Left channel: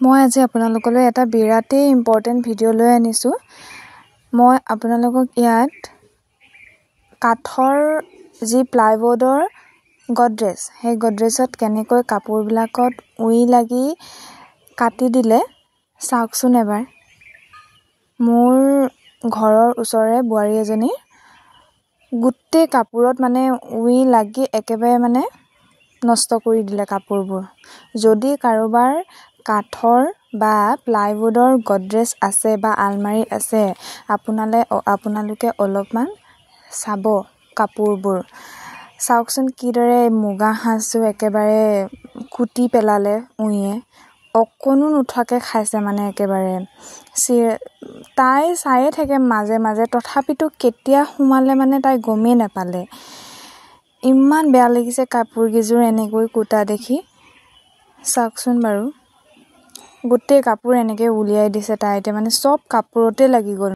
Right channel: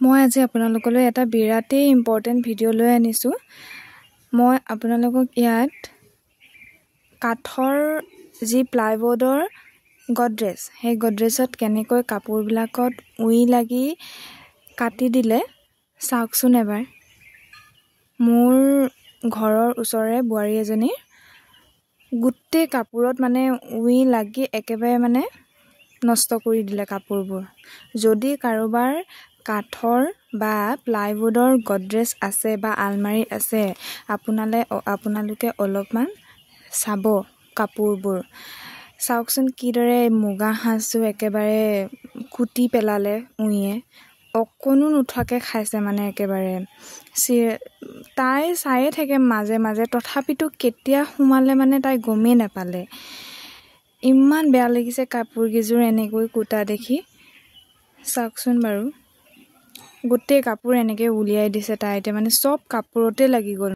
মই আজি আপোনালোকলৈ এটা বিৰাটেই ইম্পৰ্টেণ্ট ভিডিঅ' লৈ আনিছোঁ। মই আপোনালোকক ইয়াত কাঠৰ যি প্লাইবোৰ্ডৰ গডৰেজ, সেই গডৰেজত কেনেকৈ কাপোৰবিলাকত উই লাগি কাটি দিলে চাওকচোন এবাৰ। মোৰ ঘৰৰ ওচৰৰে বোৱাৰী এজনী গোটেই কাপোৰত উই লাগি একেবাৰে নষ্ট কৰি দিলে কাপোৰবোৰ। যদি কাৰোবাৰ কাঠৰ বা প্লাইবোৰ্ডৰ গডৰেজ আছে বা আলমাৰি আছে, আপোনালোকে অলপমান চাব কাপোৰবোৰ। চাওকচোন কিদৰে মুগা সাজযোৰ একেবাৰে কুটি পেলালে উইয়ে, অকণো নুঠাকে খাইছে একেবাৰে। তাই চায়ে থাকে মাজে মাজে, তথাপিতো কেতিয়া সোমালে তাই গমেই নাপালে। ইমান বেয়া লাগিছে কাপোৰকেইযোৰ এনেকৈ কুটা দেখি। চাওকচোন বাৰু, গোটেই কাপোৰ এনেকৈ উলিয়াই দিছে তাই। এতিয়া চব কাপোৰতে লাগি গ'ল।